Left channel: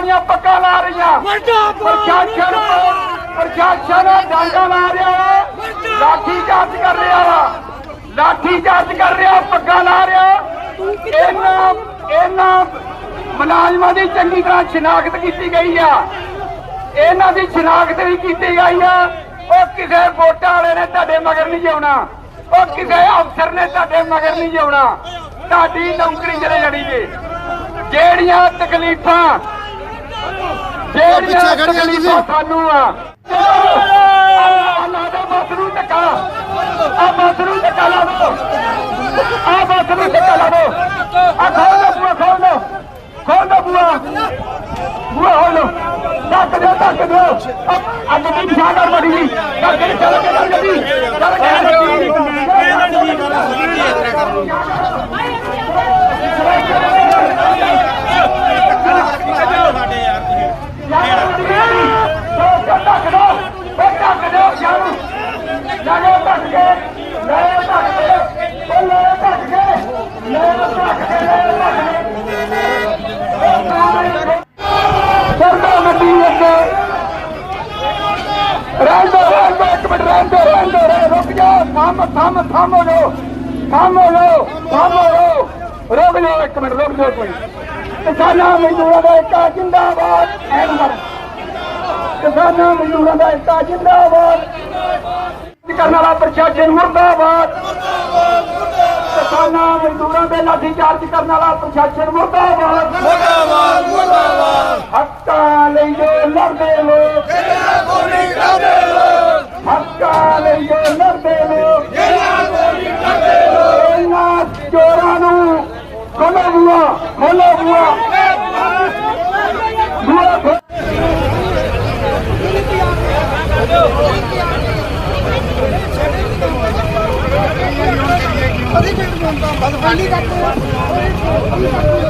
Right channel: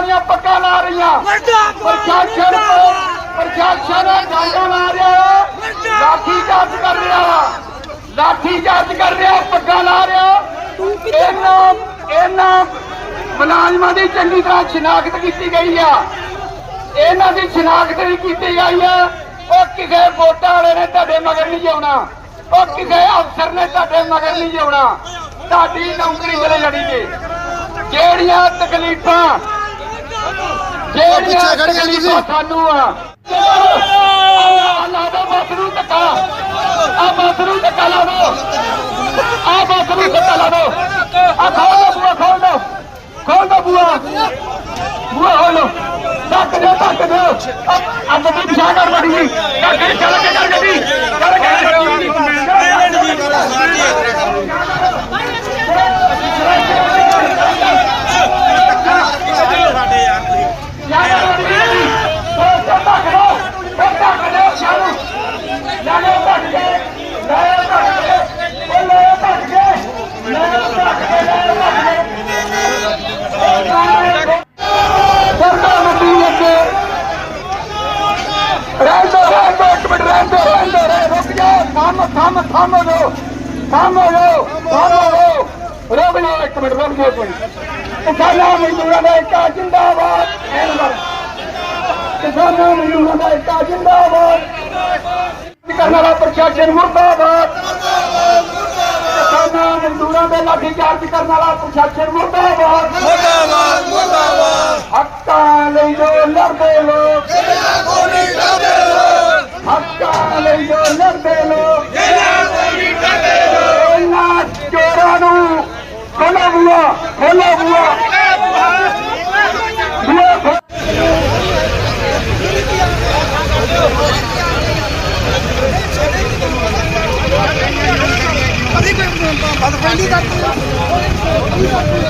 ਦੀਆਂ ਪੱਕਾ ਲਾ ਰਹੀਆਂ। ਪ੍ਰਸ਼ਾਸਨ ਪਰ ਪ੍ਰਸ਼ਾਸਨ ਡਾਂਗਾ ਲਾ ਰਿਹਾ ਲਾਠੀ ਚਾਰਜ ਕਰ ਰਿਹਾ ਲਾਠੀ ਚਾਰਜ ਕਰ ਰਿਹਾ ਪੱਕਾ ਲਾ ਰਿਹਾ ਇਹਨਾਂ ਇਹਨਾਂ ਮੁਲਾਜ਼ਮਾਂ ਦੀ ਚੰਗੀ ਤਰ੍ਹਾਂ ਸ਼ਨਾਖਤ ਕੀਤੀ ਗਈ ਆ। ਇਹਨਾਂ ਦੀ ਸ਼ਨਾਖਤ ਵੀ ਕੀਤੀ ਗਈ ਆ। ਉਹ ਕਿਸੇ ਵੋਟਾਂ ਵਾਲੇ ਨੇ ਤੁਹਾਡੇ ਮਗਰ ਨਹੀਂ ਜਾਉਣਾ ਉਹ ਕਿਸੇ ਅਫਸਰ ਨੇ ਤੁਹਾਡੇ ਮਗਰ ਨਹੀਂ ਜਾਉਣਾ ਤੁਹਾਡੀ ਨੌਕਰੀ ਜਿਹੜੇ ਲੜੀ ਜੇ ਜਿਹੜੀਆਂ ਤਕਲੀਫਾਂ ਜਿਹੜੀਆਂ ਪਿੱਛੇ ਖੜ ਜਾ ਤੁਸੀਂ। ਸਾਨੂੰ ਆ। ਅੱਲਾ ਦਾ ਨੂੰ ਧੱਕਾ। ਆ ਬੱਸ ਨੂੰ ਧੱਕਾ ਲਾ ਦੋ। ਆ ਬੱਸ ਨੂੰ ਧੱਕਾ ਲਾ ਦੋ। ਆ ਖੋਲ ਦੋ ਬੂਆ ਖੋਲ ਦੋ। ਖੋਲ ਦੋ ਬੂਆ। ਬੂਆ ਖੋਲੋ ਧੱਕ ਦੇ ਧੱਕ ਦੇ ਆ ਗੱਡੀ ਪਿਛਾ ਕਰ ਬੜੀ ਜੀ। ਚੱਲ ਗੱਡੀ ਚੱਲ ਕੇ ਚੱਲ ਗੱਡੀ ਚੱਲ ਕੇ ਰਹਿੰਦੇ ਰਹਿੰਦੇ ਇੱਕ ਮਿੰਟ ਰਹਿੰਦੇ ਰਹਿੰਦੇ ਰਹਿ ਰੁਕ ਜਾ ਥੰਮ ਥੰਮ ਥੰਮ ਹੋ ਜਾਓ ਥੰਮ ਹੋ ਥੰਮ ਹੋ ਜਾਓ ਰੁਕ ਇੱਕ ਮਿੰਟ, ਰੁਕ ਜਾਓ ਕੋਈ ਕਿਸਾਨਾਂ ਮਜ਼ਦੂਰਾਂ ਦਾ ਏਕਾ ਜਿੰਦਾਬਾਦ। ਐ ਨੰਬਰ ਕਿਸਾਨਾਂ ਮਜ਼ਦੂਰਾਂ ਦਾ ਏਕਾ ਜਿੰਦਾਬਾਦ। ਕਰਨ ਵਾਲਾ ਪ੍ਰਸ਼ਾਸਨ ਮੁਰਦਾਬਾਦ। ਕਿਸਾਨਾਂ ਮਜ਼ਦੂਰਾਂ ਦਾ ਲਾਠੀ ਚਾਰਜ ਕਰਨ ਵਾਲਾ ਪ੍ਰਸ਼ਾਸਨ ਮੁਰਦਾਬਾਦ। ਹੱਕਾਂ ਲਈ ਜੋ ਲੜਦੇ ਲੋਕ। ਹੱਕਾਂ ਲਈ ਜੋ ਲੜਦੇ ਲੋਕ। ਇਹਨਾਂ ਚੋਰਾਂ ਨੂੰ ਖੋਲੋ ਬੁਆ ਖੋਲੋ ਬੁਆ ਬੁਆ ਖੋਲੋ।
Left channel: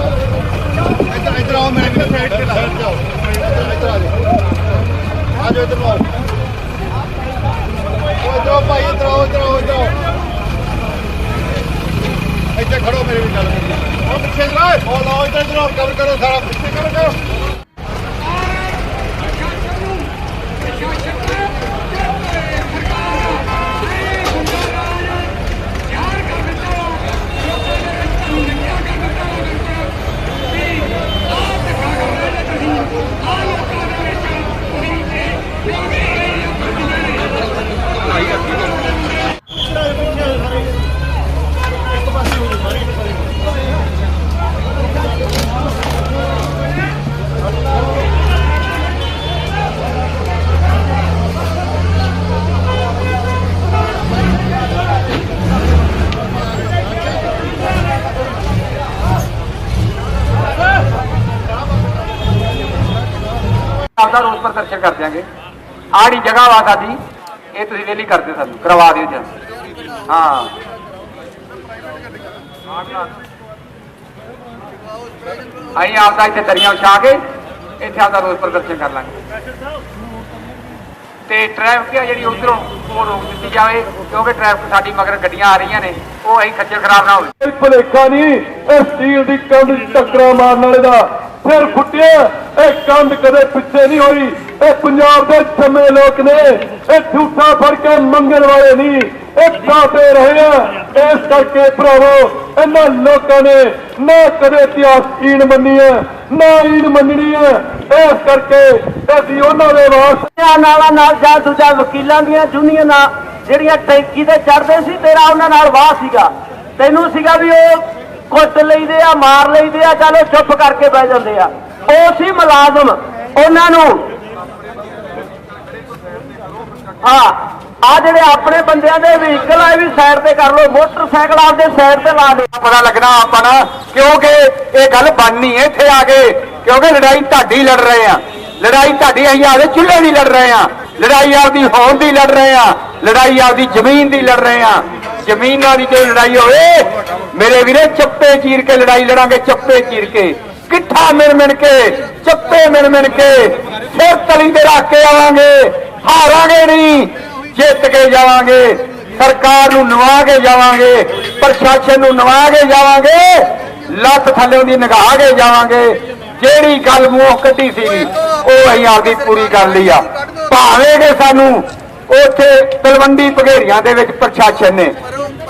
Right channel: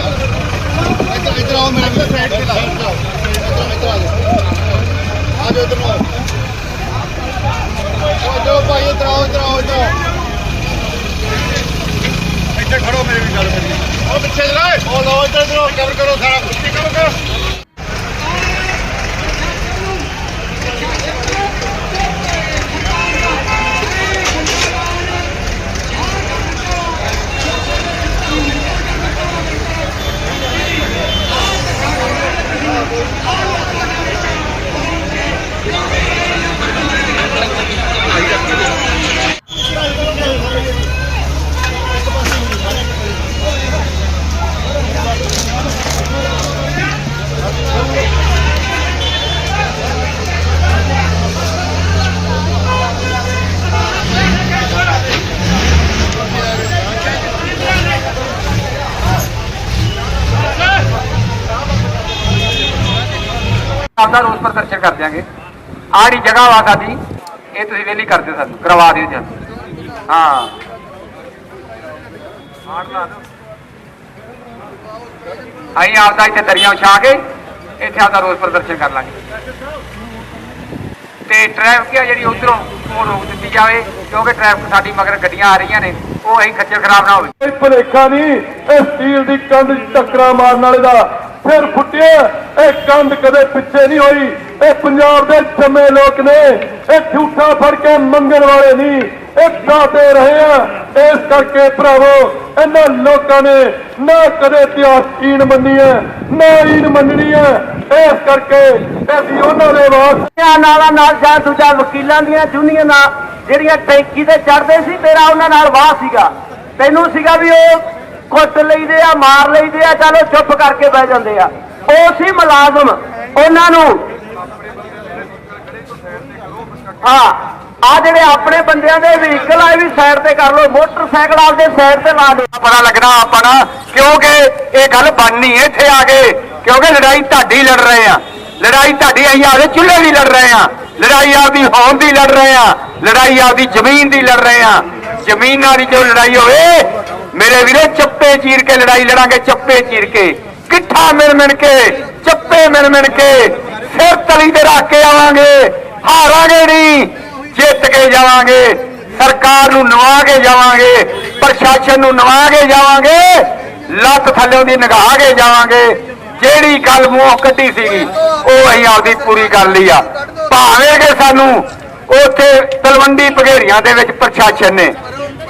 ਇੱਧਰ ਇੱਧਰ ਆਓ ਮੇਰੇ ਕੋਲ ਸਾਈਡ ਤੇ ਲਾਓ ਜਾਓ ਇੱਧਰ ਇੱਧਰ ਆ ਜਾਓ ਆ ਜਾਓ ਇੱਧਰ ਨੂੰ ਆਓ ਓ ਜਾਓ ਭਾਈ ਇੱਧਰ ਆਓ ਇੱਧਰ ਆਓ ਇੱਧਰ ਆਓ ਇੱਥੇ ਖੜੋ ਮੇਰੇ ਵੀ ਗੱਲ ਕਰੀ ਉਹ ਪਿੱਛੇ ਜਰਾ ਉਹ ਲਓ ਇੱਧਰ ਇੱਧਰ ਆਓ ਕਵਰ ਕਰੋ ਸਾਰਾ ਪਿੱਛੇ ਕਵਰ ਕਰੋ ਆਪਦਾ ਰੋਸ ਪ੍ਰਦਰਸ਼ਨ ਕਰ ਦਿਆਂਗੇ। ਆੜੀ ਜਗ੍ਹਾ ਵਾ ਸਾਡੀ ਇਹ ਤੁਸੀਂ ਵੇਲੀ ਕਰ ਦਿਓ ਸਾਨੂੰ ਕਰਵਾ ਦਿਓ ਜੀ। ਹਾਂ। ਅਸੀਂ ਆਪਦਾ ਇੱਥੇ ਦਰਿਆ ਵਿਛਾ ਕੇ ਇੱਥੇ ਆਪਦਾ ਰੋਸ ਪ੍ਰਦਰਸ਼ਨ ਕਰ ਲਾਂਗੇ। ਤੇ ਟ੍ਰੈਫਿਕ ਆ ਜਿਹੜੀ ਉਧਰੋਂ ਉਹ ਰੋਕ ਦਿੱਤੀ ਜਾਵੇ ਕਿਉਂਕਿ ਟ੍ਰੈਫਿਕ ਸਾਡੀ ਮਗਰ ਗੱਡੀਆਂ ਆ ਰਹੀਆਂ ਨੇ ਉਹ ਅਸੀਂ ਖੱਜਲ ਖਰਾਬ ਨਾ ਹੋਵੇ। ਕੋਈ ਭੁਲੇਖਾ ਨਹੀਂ ਇਹ ਸਟੀਲ ਦੀ ਕੰਧ 'ਚ ਟੱਕਰਾ ਮਾਰਨ ਵਾਲੇ ਦਾ। ਫਿਰ ਫੁੱਟਿਆ ਇਹ ਕੰਧ ਕਦੇ ਪਿੱਛੇ ਨਹੀਂ ਹੋਈ। ਇਹ ਪੰਜਾਬ ਦੇ ਜੰਮੇ ਲੋਕ ਨੇ। ਇਹ ਝੂਠਾ ਫੜ ਕੇ ਮੰਗਣ ਵਾਲੇ ਨਹੀਂ। ਇਹ ਦਾਤੇ ਰਹੇ ਆ। ਇਸ ਕਰਕੇ ਭਰਾਵੋ, ਇਹਨਾਂ ਲੋਕਾਂ ਨੇ ਨਾ ਕਦੇ ਇਤਿਹਾਸ ਈਨ ਮੰਨੀ ਹੈ, ਨਾ ਈਨ ਮੰਨਣੀ ਹੈ। ਇਸ ਕਰਕੇ ਅਸੀਂ ਉਹਨਾਂ ਦੇ ਵਾਸ ਨਾਲਾਂ ਨਾਲ ਜਾਂ ਦੂਜਾ ਵਕੀਲਾਂ ਦੀਆਂ ਯੂਨੀਅਨਾਂ ਜਿਹੜੀਆਂ ਟੈਂਕੀ ਤੇ ਚੜਦੇ ਸੀ, ਤੇਰਾ ਉਹਨਾਂ ਨਾਲ ਵਾਹ ਸੀਗਾ। ਤੈਨੂੰ ਸੀਗਾ ਵੀ ਉਹ ਕੁੱਟ ਲਈਦੇ ਆ, ਮਾਰ ਲਈਦੇ ਆ, ਚਲੋ ਚੁੱਪ ਕਰਕੇ ਬਹਿ ਜਾਂਦੇ ਆ। ਉਹ ਸੀ ਮੁਲਾਜ਼ਮ, ਉਹਨਾਂ ਨੂੰ ਹਾਂ, ਆ ਜਿਹੜੇ ਆਪਣੇ ਬੰਦਿਆਂ ਦੇ ਵਹੀਕਲ ਆ ਵੀ ਸਾਈਡ ਤੇ ਕਰ ਲਓ। ਮੋਟਰਸਾਈਕਲ ਆਪਦੇ ਸਾਈਡ ਤੇ ਲਾ ਦਿਓ ਪਤਾ ਲੱਗਣਾ ਆਪਾਂ ਨਾ, ਕਿਉਂਕਿ ਇਹ ਗੱਲ ਬਣਨੀ ਹੈ ਇੱਥੇ ਆ ਕੇ, ਕਿਉਂਕਿ ਲੜਾਈ ਤੁਹਾਡੀ ਲੜ ਰਹੇ ਆ। ਲੜਾਈ ਤੁਹਾਡੀ ਅਸੀਂ ਆਪਦੇ ਚੁੱਲ੍ਹੇ ਦੀ ਲੜ ਰਹੇ ਆ। ਲੜਾਈ ਆਪਦੀ ਹੋਂਦ ਦੀ ਲੜ ਰਹੇ ਆ। ਲੜਾਈ ਆਪਦੀ ਜ਼ਮੀਨ ਦੀ ਲੜ ਰਹੇ ਆ। ਜ਼ਮੀਨਾਂ ਦੀ ਜੋ ਲੜਾਈ ਹੋਵੇ ਮੇਰੇ ਵੀਰੇ, ਚੱਪੇ ਚੀਰ ਕੇ ਲੜਾਈ ਲੜਾਂਗੇ, ਚੱਪੇ ਚੀਰ ਕੇ। ਕਿੱਠਾ ਮਿਣ ਮਿਣ ਕੇ, ਚੱਪੇ ਮਿਣ ਮਿਣ ਕੇ। ਸਿਰ ਤਲੀ ਤੇ ਰੱਖ ਕੇ ਆਵਾਂਗੇ, ਹਾਰਾਂਗੇ ਨਹੀਂ, ਜਿੱਤ ਕੇ ਜਾਵਾਂਗੇ। ਸਰਕਾਰ ਨੂੰ ਨਵਾ ਕੇ ਜਾਵਾਂਗੇ, ਪ੍ਰਸ਼ਾਸਨ ਨੂੰ ਨਵਾ ਕੇ ਜਾਵਾਂਗੇ, ਲੱਤ ਥੱਲੇ ਦੀ ਨਿਗਾਹ ਕੇ ਜਾਵਾਂਗੇ। ਜਿਹੜੀ ਗੱਲ ਮੂੰਹੋਂ ਕੱਢੀ ਸੀਗੀ ਉਹ ਅਸੀਂ ਆਪਦੀ ਪੂਰੀ ਕਰ ਲਈ ਆ। ਭਾਵੇਂ ਕਿ ਸਾਨੂੰ ਉੱਥੇ ਤਲਵੰਡੀ ਭਗੇਰੀਆਂ ਦੇ ਵਿੱਚ ਪ੍ਰਸ਼ਾਸਨ ਨੇ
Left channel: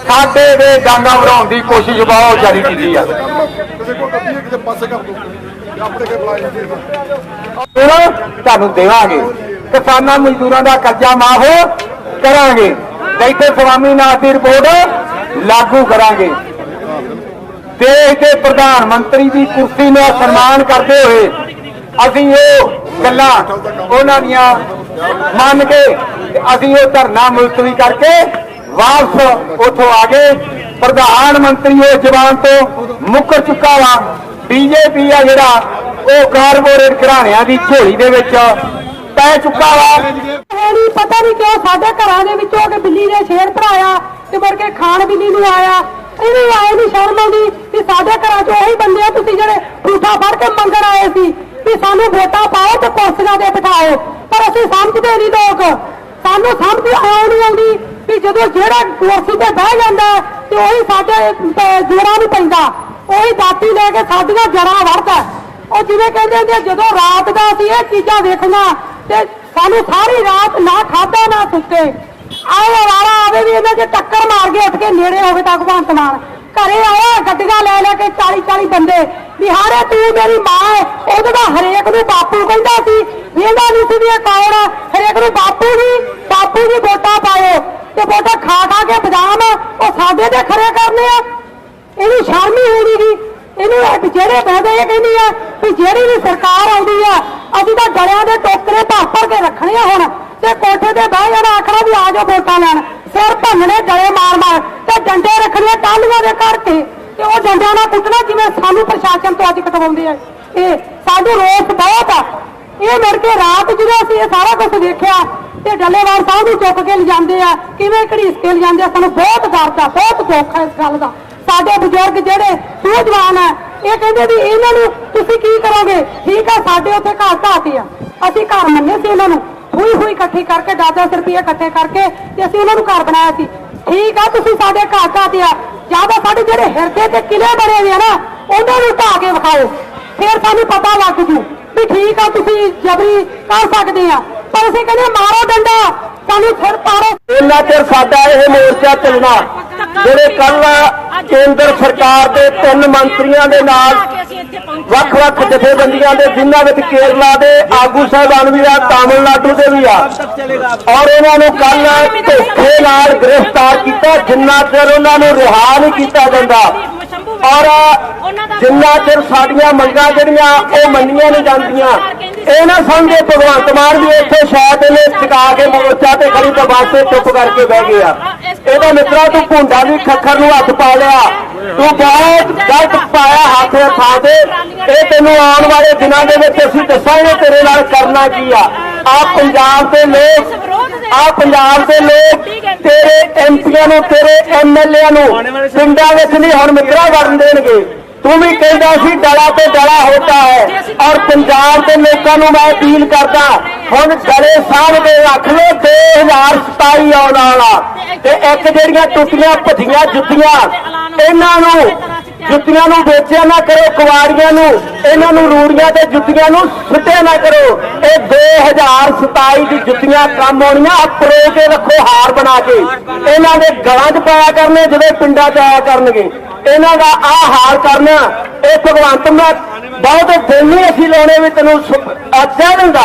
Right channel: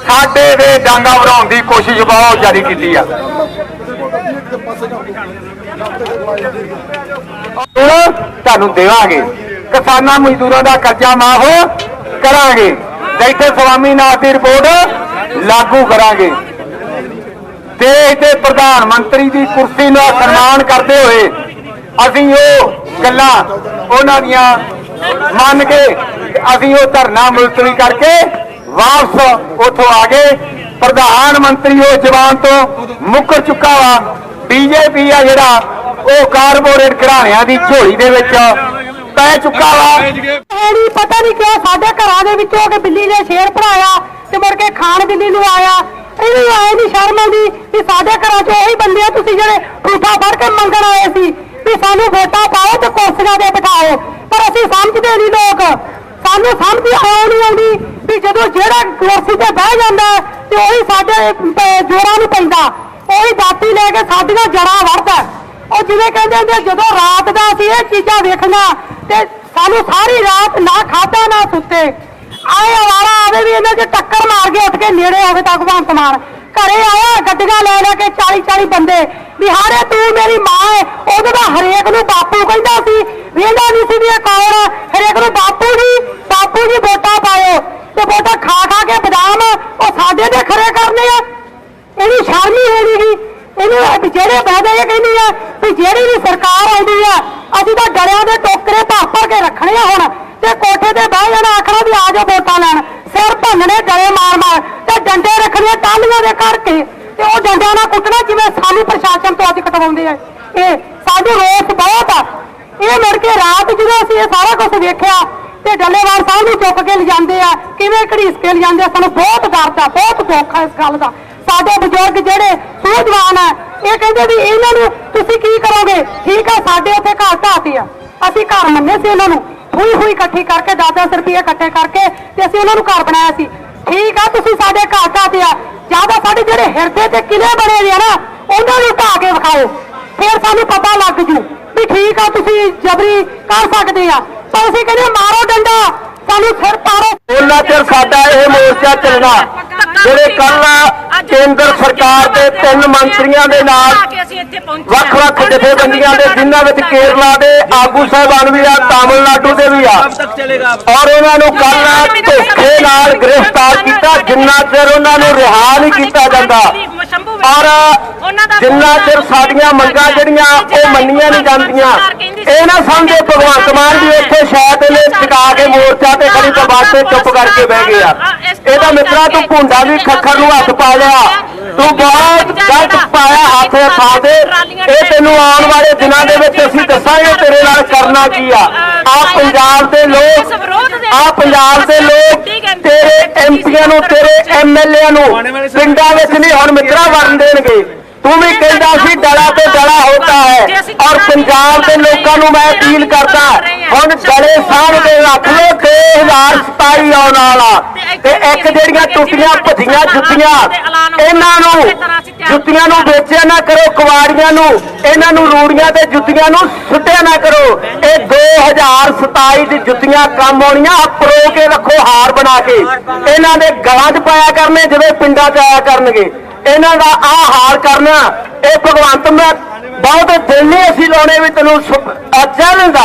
ਸਾਡੇ ਦੇ ਡਾਂਗਾ ਵਰਾਉਣ ਦੀ ਕੋਸ਼ਿਸ਼ ਬਹੁਤ ਜਾਰੀ ਕੀਤੀ ਆ। ਤੁਹਾਨੂੰ ਦੇਵਾਂਗੇ। ਕਿਸਾਨਾਂ ਮਜ਼ਦੂਰਾਂ ਦਾ ਕਰਜ਼ਾ ਮਾਫ ਕਰਾਂਗੇ। ਇੱਥੇ ਸਵਾਮੀਨਾਥ ਦੀ ਰਿਪੋਰਟ ਲਾਗੂ ਕਰਾਂਗੇ। ਦੇਸ਼ ਦੇ ਪ੍ਰਧਾਨ ਮੰਤਰੀ ਦੀ ਕੁਰਸੀ ਦਾ ਸਨਮਾਨ ਕਰਦੇ ਹੋਏ ਅਸੀਂ ਉਹ ਗੱਲਾਂ ਉਹਨਾਂ ਦੀਆਂ ਮੰਨ ਕੇ ਅਸੀਂ ਉਹ ਧਰਨਾ ਮੁਲਤਵੀ ਕਰਕੇ ਵਾਪਸ ਉੱਥੋਂ ਆ ਗਏ। ਪ੍ਰਧਾਨ ਮੰਤਰੀ ਉਹ ਜਵਾਨ ਤੋਂ ਮੁੱਕਰ ਚੁੱਕਾ ਵਾ। ਬੀਜੇਪੀ ਆ ਜਿਹੜਾ, ਉਹ ਕਾਰਪੋਰੇਟ ਘਰਾਣਿਆਂ ਦੀ ਝੋਲੀ ਦੇ ਵਿੱਚ ਪੈ ਚੁੱਕਾ ਵਾ। ਨਹੀਂ, ਪਤਾ ਨਹੀਂ ਕਿਉਂ ਸਾਡੇ ਘਰਾਂ ਦੇ ਵਿੱਚੋਂ ਕਿ ਬਿੱਲੀ ਨੇ ਸ਼ੇਰ ਭਰਾਇਆ ਤੇ ਮੁੜ ਕੇ ਖਾਣ ਬਿੱਲੀ ਨੂੰ ਆਇਆ। ਇਹਨੂੰ ਆਏ ਨਹੀਂ ਸ਼ਰਮ ਆਉਂਦੀ ਕਿ ਸਾਡੇ ਘਰਾਂ 'ਚ ਉਹੀ ਬੰਦੇ ਆ, ਤੁਸੀਂ ਜਿਹੜੇ ਠੂਠਾ ਫੜ ਕੇ ਮੰਗਣ ਆਏ ਸੀ ਵੀ ਸਾਨੂੰ ਵੋਟਾਂ ਪਾਓ ਤੇ ਕੁਰਸੀਆਂ ਤੇ ਬਿਠਾਓ। ਪਰ ਅਸੀਂ ਸਮਝਦੇ ਨਹੀਂ ਲੋਕ। ਸਾਨੂੰ ਸਮਝ ਆਉਣ ਨਹੀਂ ਆਉਂਦੀ ਵੀ ਜਦੋਂ ਜਿਹੜਾ ਕੁਰਸੀ ਤੇ ਬਹਿ ਜਾਂਦਾ ਤੇ ਉਹੀ ਸਾਡੇ ਅਹ, ਨੂੰ ਪੈਂਦਾ ਉਹੀ ਦਾਤੀ ਲੈ ਕੇ ਸਾਡੀਆਂ ਜੜਾਂ ਵੜਦਾ ਉਹ ਜਿਵੇਂ ਕਹਿੰਦੇ ਹੁੰਦੇ ਜਦੋਂ ਰਾਤ ਦਾ ਅਸੀਂ ਇਹ ਚੀਜ਼ਾਂ ਵੇਖਣਾ ਤੇ ਸਾਨੂੰ ਸਾਰੀ ਰਾਤ ਨਾ ਖਾਦਾ ਨਾ ਸੁੱਤੇ। ਆਏ ਆਵਾਰਾ ਆਵੇ ਵੀ ਇਹਨਾਂ 'ਚ ਟੱਕਰ ਮਾਰ ਕੇ ਉੱਠ ਕੇ ਨੇੜੇ ਹੋਵੇ ਤਾਂ ਭਗਵੰਤ ਮਾਨ। ਘਰੇ ਆਇਆ ਗੱਡੀਆਂ ਲੈ ਲੈ ਕੇ 40 40 ਬੰਦੇ। ਵੀ ਹਾਰੇ ਤੂੰ ਮੇਰੀ ਮਾਂ ਹੈ ਉਹਦੇ ਦਾ ਹਰੇਕ ਨੂੰ ਬਾਪੂ ਕਹਿੰਦਾ ਸੀ ਵੇਂਦਾ ਨਹੀਂ ਸੀ ਵੀ ਇਹ ਕੌਣ ਹਰੇਕ ਨੂੰ ਬਾਪੂ ਜੀ ਬਾਪੂ ਜੀ ਤੇ ਵੋਟਾਂ ਖਾ ਖਾ ਕੇ ਬਦਾਮ ਉਹ ਸਾਡੇ ਤੇ ਖਰੇ ਕਰਨੇ ਆ। ਇਹਦੀ ਸ਼ਰਮ ਹੀ ਹੋਣੀ ਇਹਨੂੰ ਇਹ ਜਿਹੜੇ ਬਹਿਦੇ ਇਹ ਕਹਿੰਦੀ ਆ ਵੀ ਜਿਹੜੀ ਵੀ ਸਰਕਾਰ ਆਉਂਦੀ ਆ, ਅਸੀਂ ਤਾਂ ਗਲਿਆਂ ਦੇ ਟੋਕਰੇ ਭਰ ਭਰ ਕੇ ਰੱਖਣੇ ਆ ਹੁਣ। ਤੇ ਕੋਠੇ ਤੇ ਬਹਿ ਜਾਣਾ ਆਖਣਾ ਵੀ ਆ ਜਾ ਵੋਟਾਂ ਲੈਣ। ਸਿਰ ਭੰਨਣੇ, ਗਲੇ ਮਾਰ ਮਾਰ ਤੇ ਡੰਡੇ ਰੱਖਣੇ ਟਾਲੀਆਂ ਦੇ ਕਰਕੇ। ਤੇ ਉਹ ਡੰਡਿਆਂ ਨਾਲ ਕੁੱਟਣਾ ਜਿਵੇਂ ਸਾਨੂੰ ਪ੍ਰਸ਼ਾਸਨ ਤੋਂ ਅੱਜ ਕਟਵਾਉਂਦੇ ਆ। ਇਹ ਸਾਨੂੰ ਰੋਸ ਬਹੁਤ ਆ। ਇਹ ਮੁੜ ਕੇ ਰਾਤ ਜਦੋਂ ਅਸੀਂ ਇਹ ਸਾਰਾ ਕੁਝ ਵੇਖਿਆ ਤੇ ਡੱਲੇਵਾਲ ਸਾਹਿਬ ਨੂੰ ਚੁੱਕ ਕੇ ਲਿਜਾਂਦੇ ਆ। ਕਿਵੇਂ ਘੜੀਸ ਕੇ ਲਿਜਾਂਦੇ ਆ? ਸਾਨੂੰ ਬਹੁਤ ਦਰਦ ਆ ਬਹੁਤ ਦੁੱਖ ਆ ਇਸ ਗੱਲ ਦਾ। ਸਾਡੇ ਬਜ਼ੁਰਗ ਜਿਹੜੇ ਸੂਝਵਾਨ ਆ, ਇਹ ਕਹਿੰਦੇ ਵੀ ਇਹਨਾਂ ਨੂੰ ਤੁਸੀਂ ਕੀ ਕਰੋਗੇ? ਠੀਕ ਆ, ਸਾਡੇ ਉੱਥੇ ਘਰ ਢਾਤੇ ਆ। ਅਸੀਂ ਘਰ ਮੰਨੇ ਸੀ ਉਹਨਾਂ ਨੂੰ। ਹੁਈ ਹੁਈ ਇਕੱਠੀ ਕਰਕੇ 10-10 ਰੁਪਏ ਇਕੱਠੇ ਕਰਕੇ ਤੇ ਅਸੀਂ ਉਹਨਾਂ ਨੂੰ ਘਰ ਬਣਾਇਆ ਸੀ। ਠੀਕ ਆ, ਤੁਸੀਂ ਸਾਡੇ ਘਰ ਢਾਤੇ ਆ। ਜ਼ਿਆਦਾ ਸਾਡੇ ਜਿਹੜੇ ਹਿਰਦੇ ਤੇ ਕਿਲੇ ਬਣੇ ਹੋਏ ਆ ਨਾ, ਉਹਨਾਂ ਨੂੰ ਢਾ ਕੇ ਵਿਖਾਓ। ਫਿਰ ਸਾਨੂੰ ਪਤਾ ਲੱਗ ਜੂ ਵੀ ਠੀਕ ਆ, ਤੁਸੀਂ ਜਬਰੀ ਕਰ ਸਕਦੇ ਆ। ਪਰ ਅਸੀਂ ਕਹਿੰਦੇ ਮਾਰੋ ਡੰਡਾ, ਸਾਨੂੰ ਸਿਰ ਪਾੜੋ। ਉਹਨਾਂ ਚਿਰ ਸਾਡਾ ਇਹ ਮੋਰਚਾ ਚੱਲਣਾ, ਜਿਹੜੇ ਕੱਲ ਕੇਂਦਰ ਸਰਕਾਰ ਦੇ ਤਿੰਨ ਮੰਤਰੀਆਂ ਦੇ ਨਾਲ ਵੱਖ-ਵੱਖ ਜਥੇਬੰਦੀਆਂ ਦੇ, ਜਿਨ੍ਹਾਂ ਵਿੱਚ ਕੇਰਲਾ ਦੇ ਆਗੂ ਸਾਹਿਬਾਨ ਵੀ ਆ, ਤਾਮਿਲਨਾਡੂ ਦੇ ਵੀ ਆ, ਔਰ ਉਹਨਾਂ ਨੂੰ ਕੱਲ ਧੋਖੇ ਨਾਲ ਗ੍ਰਿਫਤਾਰ ਕੀਤਾ, ਜਿੰਨਾ ਚਿਰ ਉਹਨਾਂ ਨੂੰ ਰਿਹਾ ਨਹੀਂ ਕੀਤਾ ਜਾਂਦਾ। ਔਰ ਜਿੰਨਾ ਚਿਰ ਸਾਡੀਆਂ ਮੰਗਾਂ ਜਿਹੜੀਆਂ ਉਹ ਮੰਨੀਆਂ ਨਹੀਂ ਜਾਂਦੀਆਂ ਇਹ ਨਾ ਸਮਝੇ ਭਗਵੰਤ ਮਾਨ ਵੀ ਉੱਥੇ ਸ਼ਾਇਦ ਇਹਨੇ ਚੁਕਾ ਕੇ ਮੋਰਚਾ ਤੇ ਖੜੀ ਦਬਾਤੇ ਚੁੱਪ ਕਰਕੇ ਬਹਿ ਗਿਆ। ਇਹਦਾ ਮਿੱਤਰਾ ਤੂੰ ਭੁੰਡਾ ਵੀ ਖੱਖਰ ਨੂੰ ਹੱਥ ਪਾ ਲਿਆ। ਤੂੰ ਬਹੁਤ ਗਲਤ ਪਾਇਆ ਹੱਥ ਫਾ ਦੇ। ਇਹ ਤੈਨੂੰ ਆਉਣ ਵਾਲੇ ਦਿਨਾਂ ਦੇ ਵਿੱਚ ਅਸੀਂ ਦੱਸਾਂਗੇ ਤੇਰੇ ਨਾਲ ਕਰਨਾ ਕੀ ਆ। ਆ ਪੰਜਾਬ ਦੇ ਲੋਕ ਆ ਪੰਜਾਬ ਦੇ ਲੋਕ ਤੇਰੇ ਐਮਪੀਆਂ ਨੂੰ ਤੇਰੇ ਐਮਐਲਏ ਨੂੰ ਪਿੰਡਾਂ ਵਿੱਚ ਨਹੀਂ ਹੁਣ ਮਿੱਤਰਾ ਵਰਨ ਦੇਣਗੇ। ਤੂੰ ਵੀ ਕਹਿੰਦਾ ਸੀ ਡਲਾ ਤੇ ਡਲਾ ਹੋਤਾ ਹੈ। ਔਰ ਪੰਜਾਬ ਦੇ ਲੋਕਾਂ ਨੂੰ ਮੈਂ ਅਪੀਲ ਕਰਦਾ ਹੁਣ ਗਲੇ ਸਾਹ ਦੇ ਰੱਖ ਲੋ 2027 ਆਉਣ ਵਾਲਾ। ਤੇ ਇੱਕ ਜਿਹੜੀਆਂ ਟੁੱਟੀਆਂ ਭੱਜੀਆਂ ਜੁੱਤੀਆਂ ਇਹਨਾਂ ਨੂੰ ਜੁੱਤੀਆਂ ਨੂੰ ਵੇਚਿਆ ਨਾ ਕਰੋ, ਕੁਵਾੜੀਆਂ ਨੂੰ, ਇਹਨਾਂ ਨੂੰ ਰੂੜੀਆਂ ਤੇ ਜੁੱਤੀਆਂ ਨੂੰ ਸੁੱਟਿਆ ਨਾ ਕਰੋ। ਇਹ 2027 ਦੀ ਜੁੱਤੀਆਂ ਕੰਮ ਆਉਣੀਆਂ ਪਰੋ ਕੇ ਰੱਖੋ ਹਾਰ ਬਣਾ ਕੇ। ਇਹਨਾਂ ਦੇ ਗਲਾਂ 'ਚ ਪਾਇਆ ਕਰਨੇ ਜਦੋਂ ਪਿੰਡਾਂ 'ਚ ਆਇਆ ਕਰਨਗੇ। ਇਹਨਾਂ ਦਾ ਆ ਹਾਲ ਕਰਨਾ, ਇਹ ਭਗਵੰਤ ਮੈਂ ਬਹੁਤੇ ਦਿਨ ਨਹੀਂ ਅਸੀਂ ਲਾਉਣੇ ਵੀ ਤੈਨੂੰ ਅੱਛਾ ਦਿੰਦਾ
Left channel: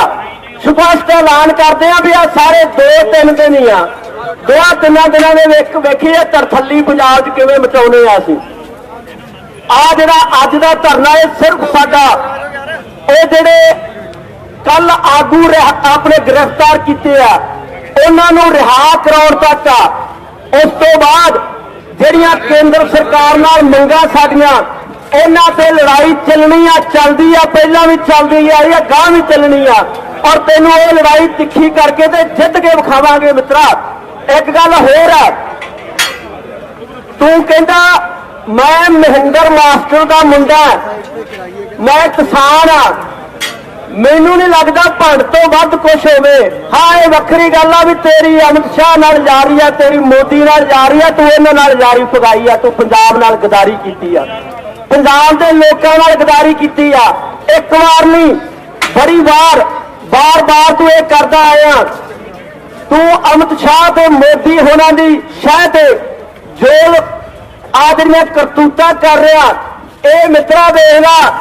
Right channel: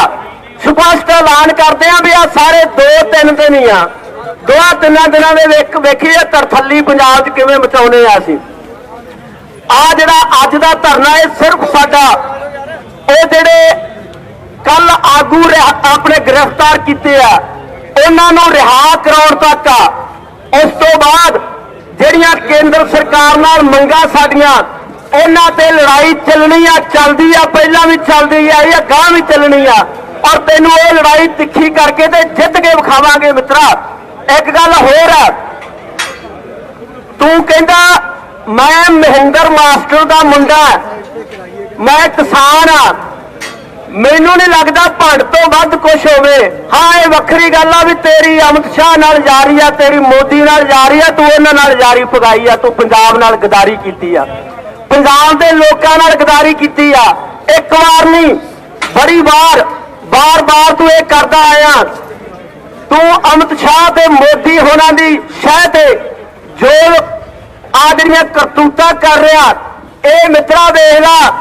ਸਪਸ਼ਟ ਐਲਾਨ ਕਰਦੇ ਆ ਵੀ ਆ ਸਾਰੇ 2-3 ਦਿਨ ਹੀ ਆ। ਦੋਆ ਤਿੰਨਾਂ ਦਿਨਾਂ ਦੇ ਵੇਖ ਵੇਖੀਏ ਤਰਥੱਲੀ ਪੰਜਾਬ 'ਚ ਕਿਵੇਂ ਮਚਾਉਨੇ ਆ ਅਸੀਂ। ਆ ਜਿਹੜਾ ਅੱਜ ਦਾ ਧਰਨਾ ਇਹ ਸਿਰਫ ਸਾਡਾ। ਇਹ ਜਿਹੜੇ ਕੱਲ ਆਗੂ ਰਿਹਾ- ਆਪਣੇ ਗ੍ਰਿਫਤਾਰ ਕੀਤੇ ਆ, ਉਹਨਾਂ ਨੂੰ ਰਿਹਾ ਕਰਾਉਣ ਤੱਕ ਆ। ਉਸ ਤੋਂ ਬਾਅਦ ਜਿਹੜੀਆਂ ਕੇਂਦਰ ਸਰਕਾਰ ਨਾਲ ਮੰਗਾਂ ਸਾਡੀਆਂ, ਉਹਨਾਂ ਤੇ ਲੜਾਈ ਚੱਲਣੀ ਆ, ਚੱਲਦੀ ਆ, ਪਹਿਲਾਂ ਵੀ ਚੱਲਦੀ ਆ ਆ ਗਾਂ ਵੀ ਚੱਲਣੀ ਆ। ਔਰ ਤੈਨੂੰ ਇਹ ਲੜਾਈ ਤਿੱਖੀ ਕਰਕੇ ਤੇ ਜਿੱਤ ਕੇ ਵਿਖਾਵਾਂਗੇ ਮਿੱਤਰਾ। ਇੱਕ ਗੱਲ ਹੋਰ ਆ। ਤੂੰ ਕਹਿੰਦਾ ਮੈਂ ਮਹਿੰਦਰ ਮਾਸਟਰ ਦਾ ਮੁੰਡਾ ਮੈਂ ਕਿਸਾਨ ਆ ਮੈਨੂੰ ਨਹੀਂ ਲੱਗਦਾ ਭੰਡ ਤੋਂ ਵੱਧ ਕੁਝ ਹੋਵੇ। ਹਾਂ, ਇਹ ਵੱਖਰੀ ਗੱਲ ਆ ਵੀ ਤੇਰੀ ਅਮਿਤ ਸ਼ਾਹ ਨਾਲ ਜਾਰੀ ਆ, ਤੇਰੀ ਮੋਦੀ ਨਾਲ ਜਾਰੀ ਆ, ਤੂੰ ਉਹਨਾਂ ਨਾਲ ਜਾਰੀ ਪਗਾਈ ਆ, ਤੂੰ ਪੰਜਾਬ ਨਾਲ ਗਦਾਰੀ ਕੀਤੀ ਆ। ਪੰਜਾਬ ਦੇ ਲੋਕਾਂ ਨਾਲ ਗਦਾਰੀ ਕੀਤੀ ਆ। ਇੱਕ ਵਾਰ ਨਹੀਂ, ਬੜੀ ਵਾਰ, ਬਾਰ-ਬਾਰ ਤੂੰ ਇਹ ਕਰਦਾ ਆਇਆ। ਤੂੰ ਅਮਿਤ ਸ਼ਾਹ ਤੇ ਮੋਦੀ ਹੋਣਾ ਦੀ ਸ਼ਹਿ ਤੇ ਜੋ ਆ ਜਿਹੜੀਆਂ ਕਰਤੂਤਾਂ ਕਰ ਰਿਹਾ, ਇਹ ਮਿੱਤਰਾ ਵੇਖ ਲਾ।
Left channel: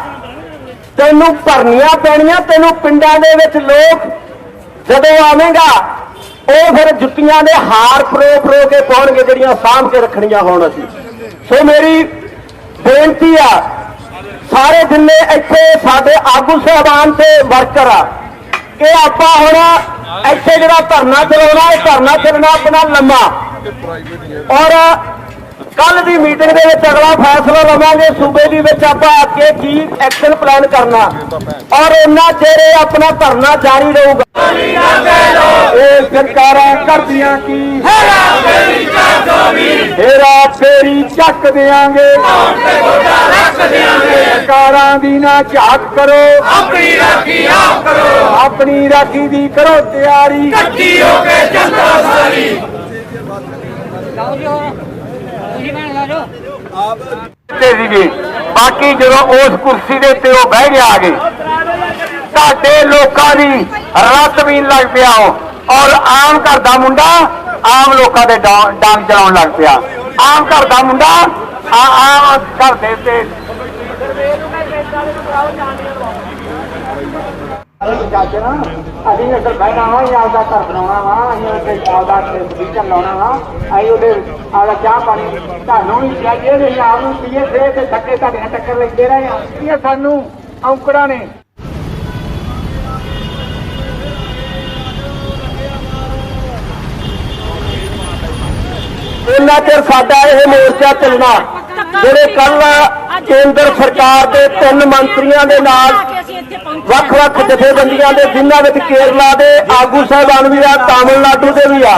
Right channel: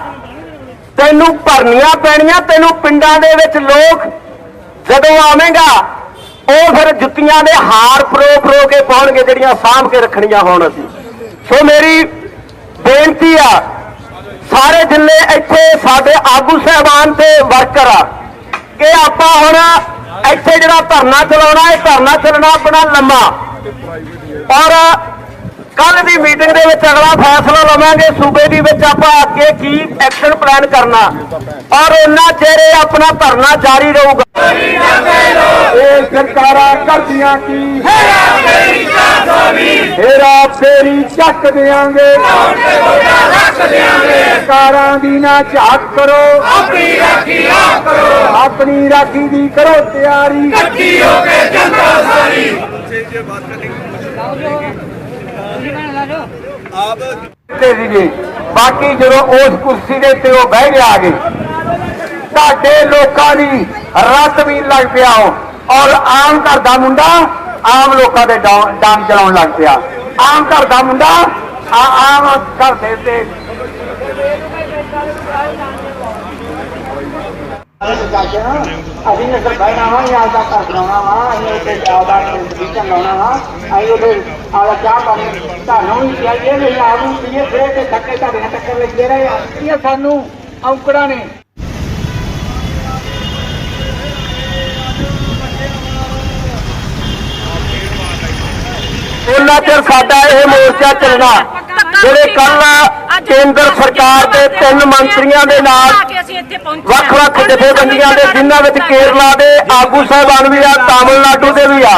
ਤੈਨੂੰ ਭਰਨੀਆਂ ਪੈਣੀਆਂ, ਤੈਨੂੰ ਪਿੰਡਾਂ ਦੇ ਵਿੱਚ ਲੋਕ ਜਦੋਂ ਆਵੇਂਗਾ, ਉਹ ਫਿਰ ਜੁੱਤੀਆਂ ਦੇ ਹਾਰ ਪਰੋ ਪਰੋ ਕੇ ਪਾਉਣਗੇ, ਜਿਹੜੀਆਂ ਸਾਂਭ ਕੇ ਰੱਖਣੀਆਂ ਹੋਣ ਅਸੀਂ। ਸੋ ਮੇਰੀ ਬੇਨਤੀ ਆ, ਸਾਰੇ ਜਿੰਨੇ ਇੱਥੇ ਸਾਡੇ ਆਗੂ ਸਹਿਬਾਨ ਤੇ ਵਰਕਰ ਆ, ਕਿ ਆਪਾਂ ਹੁਣ ਇੱਥੇ ਜਿਹੜਾ ਧਰਨਾ ਚਲਾਉਣਾ, ਇਹ ਧਰਨਾ ਚੱਲਣਾ ਆਪਣਾ ਲੰਮਾ। ਔਰ ਕੱਲ ਦੀ ਮੀਟਿੰਗ ਦੇ ਵਿੱਚ ਅਗਲਾ ਫੈਸਲਾ ਲਵਾਂਗੇ। ਸੂਬੇ ਦੀ ਵਿੱਚ ਆਪਾਂ ਅੱਗੇ ਕੀ ਐਕਸ਼ਨ ਪਲਾਨ ਕਰਨਾ। ਔਰ ਉਹਨਾਂ ਚਿਹਰੇ ਆਪਣਾ ਧਰਨਾ ਜਾਰੀ ਰਹੂਗਾ। ਇਹ ਸਰਕਾਰਾਂ ਕਰਦੀਆਂ ਕੀ? ਹੇਰਾ ਫੇਰੀ ਚੱਕ ਦੇਾਂਗੇ ਸਰਕਾਰਾਂ ਦੀ ਨਾ ਝਾਕ ਕਰੋ ਆਪਣੀ ਰਾਖੀ ਆਪ ਕਰੋ। ਆਪਣੀ ਰਾਖੀ ਦੀ ਕਰੋ ਤਿਆਰੀ। ਤੇ ਵੀ ਬਾਕੀ ਜਦੋਂ ਉਸ ਕੁਰਸੀ ਦੇ ਉੱਤੇ ਉਹ ਬਹਿ ਗਿਆ ਗਏ ਤੁਹਾਡੇ ਲੋਕਾਂ ਦੀ ਰੱਤ ਵੀ ਲੱਗ ਪਿਆ ਉਹ। ਔਰ ਆਮ ਘਰ ਦਾ ਮੁੰਡਾ ਆਮ ਲੋਕਾਂ ਦੇ ਡਾਂਗ ਚਲਾਉਣ ਲੱਗ ਪਿਆ। ਆਮ ਘਰ ਦਾ ਮੁੰਡਾ ਆ- ਆਮ ਘਰ ਦੇ ਤੇ ਅਸੀਂ ਇੱਥੇ ਬਹਿਣਾ ਵਾ ਜਾਂ ਆਪਦਾ ਘਰ ਬਣਾਉਣਾ ਵਾ ਅਸੀਂ ਇੱਥੇ ਆਪਦਾ ਵਿਕਨ ਲਾਉਣਾ ਵਾ ਅਸੀਂ ਇਹਦੇ ਆਪਦਾ ਚਾਹ ਪਾਣੀ ਤੁਹਾਨੂੰ ਚਾਹੀਏ ਵੀ ਆਉਂ ਪੀਏ ਫੇਰ ਤੇ ਥੱਕੇ ਤੁਹਾਡੇ ਨਾਲ ਟੱਕਰ ਲੱਗੇ ਰਹੇ ਇਹ ਸਾਨੂੰ ਔਂਕੜਾਂ ਨੇ ਉਹਨਾਂ ਚਿਰ ਸਾਡਾ ਇਹ ਮੋਰਚਾ ਚੱਲਣਾ, ਜਿਹੜੇ ਕੱਲ ਕੇਂਦਰ ਸਰਕਾਰ ਦੇ ਤਿੰਨ ਮੰਤਰੀਆਂ ਦੇ ਨਾਲ ਵੱਖ-ਵੱਖ ਜਥੇਬੰਦੀਆਂ ਦੇ ਜਿਨ੍ਹਾਂ ਵਿੱਚ ਕੇਰਲਾ ਦੇ ਆਗੂ ਸਾਹਿਬਾਨ ਵੀ ਆ ਤਾਮਿਲਨਾਡੂ ਦੇ ਵੀ ਆ।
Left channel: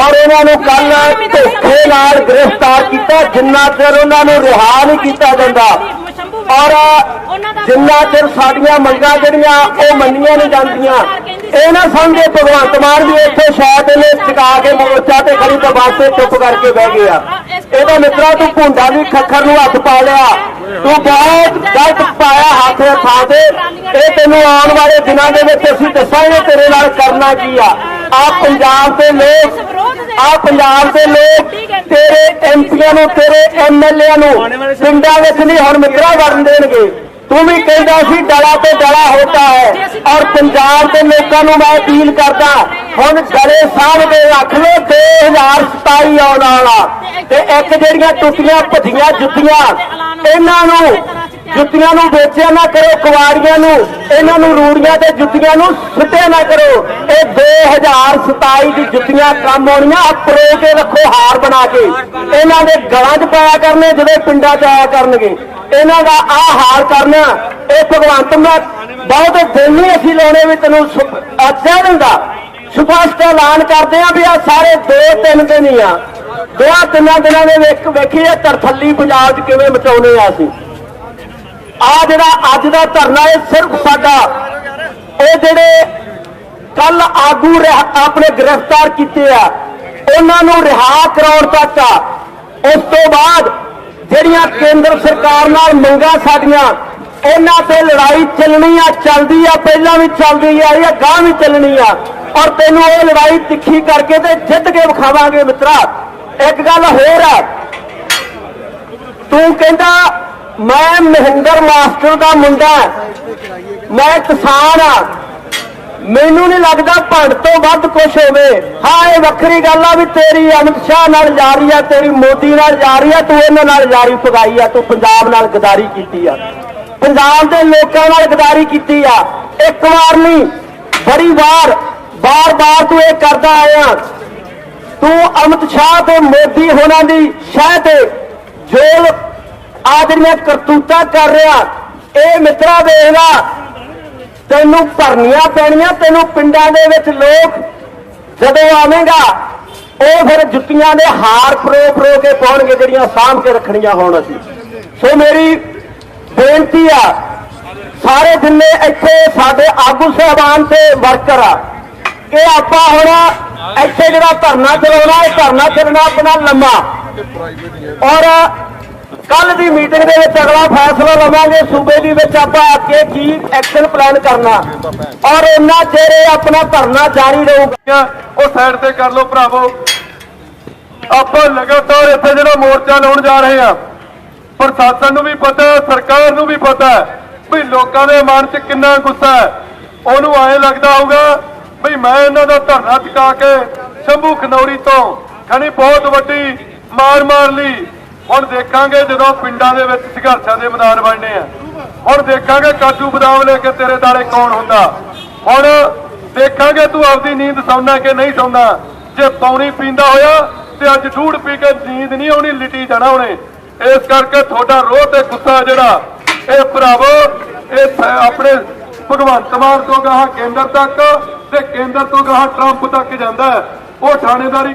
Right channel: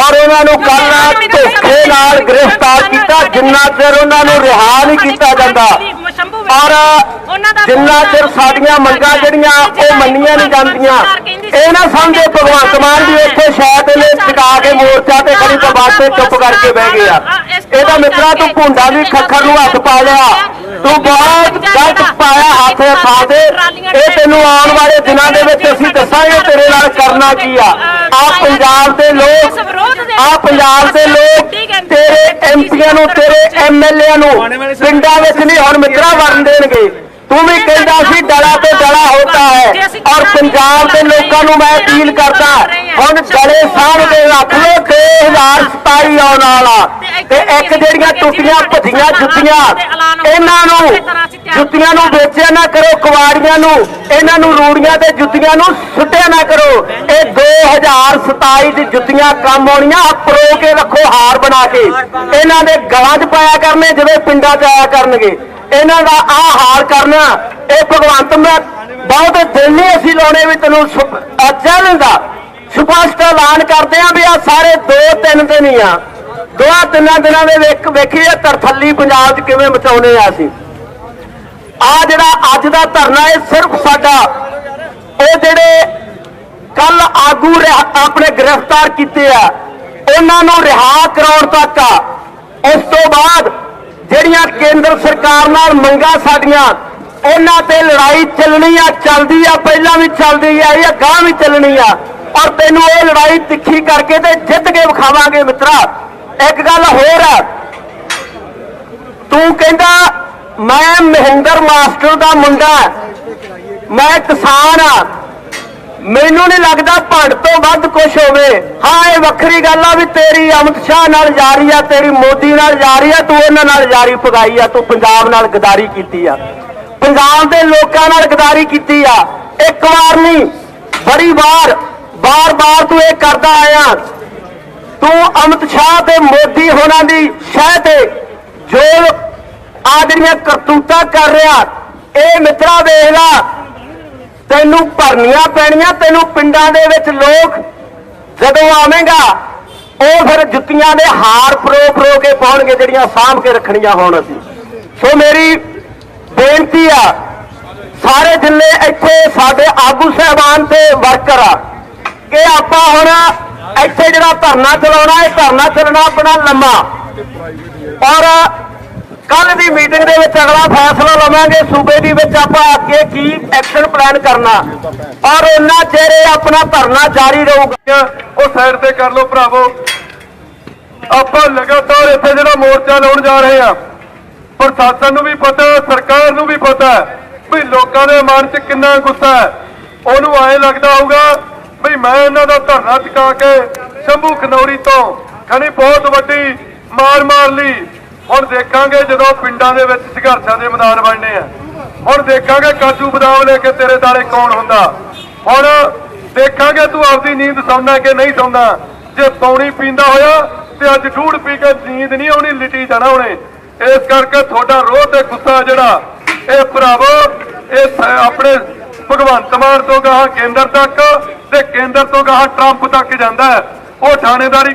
ਔਰ ਉਹਨਾਂ ਨੂੰ ਕੱਲ ਧੋਖੇ ਨਾਲ ਗ੍ਰਿਫਤਾਰ ਕੀਤਾ ਜਿੰਨਾ ਚਿਰ ਉਹਨਾਂ ਨੂੰ ਰਿਹਾ ਨਹੀਂ ਕੀਤਾ ਜਾਂਦਾ। ਔਰ ਜਿੰਨਾ ਚਿਰ ਸਾਡੀਆਂ ਮੰਗਾਂ ਜਿਹੜੀਆਂ ਉਹ ਮੰਨੀਆਂ ਨਹੀਂ ਜਾਂਦੀਆਂ ਇਹ ਨਾ ਸਮਝੇ ਭਗਵੰਤ ਮਾਨ ਵੀ ਇੱਥੇ ਸ਼ਾਇਦ ਇਹਨੇ ਟਿਕਾ ਕੇ ਮੋਰਚਾ ਤੇ ਖੜੀ ਦਰਬਾਰ ਤੇ ਚੁੱਪ ਕਰਕੇ ਬਹਿ ਗਏ ਆ ਇਹਦਾ ਮਿੱਤਰਾ ਤੂੰ ਭੁੰਡਾ ਵੀ ਖੱਖਰ ਨੂੰ ਹੱਥ ਪਾ ਲਿਆ। ਤੂੰ ਬਹੁਤ ਗਲਤ ਪਾਇਆ ਹੱਥ ਥਾ ਦੇ ਇਹ ਤੈਨੂੰ ਆਉਣ ਵਾਲੇ ਦਿਨਾਂ ਦੇ ਵਿੱਚ ਅਸੀਂ ਦੱਸਾਂਗੇ ਤੇਰੇ ਨਾਲ ਕਰਨਾ ਕੀ ਆ। ਆ ਪੰਜਾਬ ਦੇ ਲੋਕ ਆ ਪੰਜਾਬ ਦੇ ਲੋਕ ਤੇਰੇ ਐਮਪੀਆਂ ਨੂੰ ਤੇਰੇ ਐਮਐਲਏ ਨੂੰ ਪਿੰਡਾਂ ਵਿੱਚ ਨਹੀਂ ਹੁਣ ਮਿੱਤਰਾ ਵਰਨ ਦੇਣਗੇ। ਤੂੰ ਵੀ ਕਹਿੰਦਾ ਸੀ ਡਲਾ ਤੇ ਡਲਾ ਹੋਤਾ ਹੈ। ਔਰ ਪੰਜਾਬ ਦੇ ਲੋਕਾਂ ਨੂੰ ਮੈਂ ਅਪੀਲ ਕਰਦਾ ਹੁਣ ਗਲੇ ਸਾਹ ਦੇ ਰੱਖ ਲੋ 2027 ਆਉਣ ਵਾਲਾ। ਤੇ ਇੱਕ ਜਿਹੜੀਆਂ ਟੁੱਟੀਆਂ ਭੱਜੀਆਂ ਜੁੱਤੀਆਂ ਇਹਨਾਂ ਨੂੰ ਜੁੱਤੀਆਂ ਨੂੰ ਵੇਚਿਆ ਨਾ ਕਰੋ ਕੁਵਾੜੀਆਂ ਨੂੰ। ਇਹਨਾਂ ਨੂੰ ਰੂੜੀਆਂ ਤੇ ਜੁੱਤੀਆਂ ਨੂੰ ਸੁੱਟਿਆ ਨਾ ਕਰੋ। ਇਹ 2027 ਦੀ ਜੁੱਤੀਆਂ ਕੰਮ ਆਉਣੀਆਂ, ਆਹ ਪਰੋ ਕੇ ਰੱਖੋ ਹਾਰ ਬਣਾ ਕੇ। ਇਹਨਾਂ ਦੇ ਗਲਾਂ 'ਚ ਪਾਇਆ ਕਰਨੇ, ਜਿਵੇਂ ਪਿੰਡਾਂ 'ਚ ਆਇਆ ਕਰਨਗੇ। ਇਹਨਾਂ ਦਾ ਆਹ ਹਾਰ ਕਰਨਾ, ਇਹ ਭਗਵੰਤ ਮੈਂ ਬਹੁਤ ਦਿਨ ਨਹੀਂ ਅਸੀਂ ਲਾਉਣੇ ਵੀ ਤੈਨੂੰ ਅੱਛਾ ਦਿੰਦਾ। ਸਪਸ਼ਟ ਐਲਾਨ ਕਰਦੇ ਆ ਵੀ ਆ ਸਾਰੇ 2-3 ਦਿਨ ਹੀ ਆ। ਦੋ ਤਿੰਨਾਂ ਦਿਨਾਂ ਦੇ ਵਿੱਚ ਵੇਖੀਏ ਤਰਥੱਲੀ ਪੰਜਾਬ 'ਚ ਕਿਵੇਂ ਮਚਾਉਣੇ ਆ ਅਸੀਂ। ਆ ਜਿਹੜਾ ਅੱਜ ਦਾ ਧਰਨਾ ਇਹ ਸਿਰਫ ਸਾਡਾ। ਇਹ ਜਿਹੜੇ ਕੱਲ ਆਗੂ ਰਿਹਾ- ਆਪਣੇ ਗ੍ਰਿਫਤਾਰ ਕੀਤੇ ਆ, ਉਹਨਾਂ ਨੂੰ ਰਿਹਾ ਕਰਾਉਣ ਤੱਕ ਆ। ਉਸ ਤੋਂ ਬਾਅਦ ਜਿਹੜੀਆਂ ਕੇਂਦਰ ਸਰਕਾਰ ਨਾਲ ਮੰਗਾਂ ਸਾਡੀਆਂ, ਉਹਨਾਂ ਤੇ ਲੜਾਈ ਚੱਲਣੀ ਆ, ਚੱਲਦੀ ਆ, ਪਹਿਲਾਂ ਵੀ ਚੱਲਦੀ ਆ, ਇਹ ਗਾਂ ਵੀ ਚੱਲਣੀ ਆ। ਔਰ ਤੈਨੂੰ ਇਹ ਲੜਾਈ ਤਿੱਖੀ ਕਰਕੇ ਤੇ ਜਿੱਤ ਕੇ ਵਿਖਾਵਾਂਗੇ ਮਿੱਤਰਾ। ਇੱਕ ਗੱਲ ਹੋਰ ਆ, ਤੂੰ ਕਹਿੰਦਾ ਮੈਂ ਮਹਿੰਦਰ ਮਾਸਟਰ ਦਾ ਮੁੰਡਾ ਮੈਂ ਕਿਸਾਨ ਆ ਮੈਨੂੰ ਨਹੀਂ ਲੱਗਦਾ ਭੰਡ ਤੋਂ ਵੱਧ ਕੁਝ ਹੋਵੇ। ਹਾਂ, ਇਹ ਵੱਖਰੀ ਗੱਲ ਆ ਵੀ ਤੇਰੀ ਅਮਿਤ ਸ਼ਾਹ ਨਾਲ ਜਾਰੀ ਆ, ਤੇਰੀ ਮੋਦੀ ਨਾਲ ਜਾਰੀ ਆ, ਤੂੰ ਉਹਨਾਂ ਨਾਲ ਜਾਰੀ ਪਗਾਈ ਆ, ਤੂੰ ਪੰਜਾਬ ਨਾਲ ਗਦਾਰੀ ਕੀਤੀ ਆ। ਪੰਜਾਬ ਦੇ ਲੋਕਾਂ ਨਾਲ ਗਦਾਰੀ ਕੀਤੀ ਆ। ਇੱਕ ਵਾਰ ਨਹੀਂ, ਬੜੀ ਵਾਰ ਬਾਰ-ਬਾਰ ਤੂੰ ਇਹ ਕਰਦਾ ਆਇਆ। ਤੂੰ ਅਮਿਤ ਸ਼ਾਹ ਤੇ ਮੋਦੀ ਹੋਣਾ ਦੀ ਸ਼ਹਿ ਤੇ ਜੋ ਆ ਜਿਹੜੀਆਂ ਕਰਤੂਤਾਂ ਕਰ ਰਿਹਾ, ਇਹ ਮਿੱਤਰਾ ਵੇਖ ਲਾ। ਤੈਨੂੰ ਭਰਨੀਆਂ ਪੈਣੀਆਂ, ਤੈਨੂੰ ਪਿੰਡਾਂ ਦੇ ਵਿੱਚ ਲੋਕ ਜਦੋਂ ਆਵੇਂਗਾ, ਉਹ ਫਿਰ ਜੁੱਤੀਆਂ ਦੇ ਹਾਰ ਪਰੋ ਪਰੋ ਕੇ ਪਾਉਣਗੇ, ਜਿਹੜੀਆਂ ਸਾਂਭ ਕੇ ਰੱਖਣੀਆਂ ਹੋਣ ਅਸੀਂ। ਸੋ ਮੇਰੀ ਬੇਨਤੀ ਆ, ਸਾਰੇ ਜਿੰਨੇ ਇੱਥੇ ਸਾਡੇ ਆਗੂ ਸਹਿਬਾਨ ਤੇ ਵਰਕਰ ਆ, ਕਿ ਆਪਾਂ ਹੁਣ ਇੱਥੇ ਜਿਹੜਾ ਧਰਨਾ ਚਲਾਉਣਾ, ਇਹ ਧਰਨਾ ਚੱਲਣਾ ਆਪਣਾ ਲੰਮਾ। ਔਰ ਕੱਲ ਦੀ ਮੀਟਿੰਗ ਦੇ ਵਿੱਚ ਅਗਲਾ ਫੈਸਲਾ ਲਵਾਂਗੇ। ਸੂਬੇ ਦੇ ਵਿੱਚ ਆਪਾਂ ਅੱਗੇ ਕੀ ਐਕਸ਼ਨ ਪਲਾਨ ਕਰਨਾ। ਔਰ ਉਹਨਾਂ ਚਿਰ ਆਪਣਾ ਧਰਨਾ ਜਾਰੀ ਰਹੂਗਾ। ਉਹ ਸਾਈਡ ਤੇ ਕਰ ਲਓ ਭਰਾਵੋ। ਆਪਾਂ ਲਗਾਤਾਰ ਇੱਥੇ ਜਿਹੜਾ ਮੋਰਚਾ ਲਾਉਣ ਜਾ ਰਹੇ ਆ ਪ੍ਰਸ਼ਾਸਨ ਨੂੰ ਵੀ ਪਤਾ ਸਰਕਾਰ ਨੂੰ ਵੀ ਪਤਾ ਵੀ ਲੋਕਾਂ ਦੇ ਮਨ 'ਚ ਕਿੰਨਾ ਗੁੱਸਾ ਹੈ। ਉਹਨੂੰ ਐਂ ਲੱਗਦਾ ਹੋਊਗਾ ਵੀ ਮੈਂ ਇਹਨਾਂ ਦਾ ਧਰਨਾ ਚੁਕਾ ਕੇ ਸ਼ੰਭੂ ਖਨੌਰੀ ਤੋਂ ਖਣੀ ਬਹੁਤ ਵੱਡੀ ਮਾਰ ਮਾਰ ਲਈ ਹੁਣ ਦੇਖਾਂਗੇ ਜਦੋਂ ਪਿੰਡਾਂ ਦੇ ਵਿੱਚ ਸੰਘਰਸ਼ਾਂ ਦੇ ਮੈਦਾਨ ਬਣਨੇ ਆ। ਹੁਣ ਦੇਖਾਂਗੇ ਕਾਜੂ ਬਦਾਮ ਲੈ ਕੇ ਤੇਰੇ ਦਾਲੇ ਕੌਣ ਹੁੰਦਾ। ਹੁਣ ਦੇਖਾਂਗੇ ਤੂੰ ਆਪਦੀ ਨੀਂਦ ਸੌਣਾ ਕਿ ਨਹੀਂ ਸੌਣਾ ਜੇ ਪੌਣੀ ਪੀਂਦਾ ਹੋਇਆ ਤੇ ਅੱਜ ਢੂੜ ਪੀ ਕੇ ਨੀਂਦ ਨਹੀਂ ਆਉਣੀ, ਲਿਟੀ ਜਾਣਾ ਉਹਨੇ। ਇਸ ਕਰਕੇ ਤੁਹਾਡਾ ਰੋਹ ਤੇ ਗੁੱਸਾ ਜਿਹੜਾ, ਇਹ ਭਰਾਵੋ, ਇਹ ਆਪਣੇ ਭਗਵੰਤ ਮਾਨ ਤੋਂ ਗਾਹਾਂ ਕੇਂਦਰ ਤੱਕ ਤੇ ਕੇਂਦਰ ਤੋਂ ਗਾਹਾਂ ਟਰੰਪ ਤੱਕ ਜਾਂਦਾ ਉਹ ਥਾਣੇਦਾਰੀ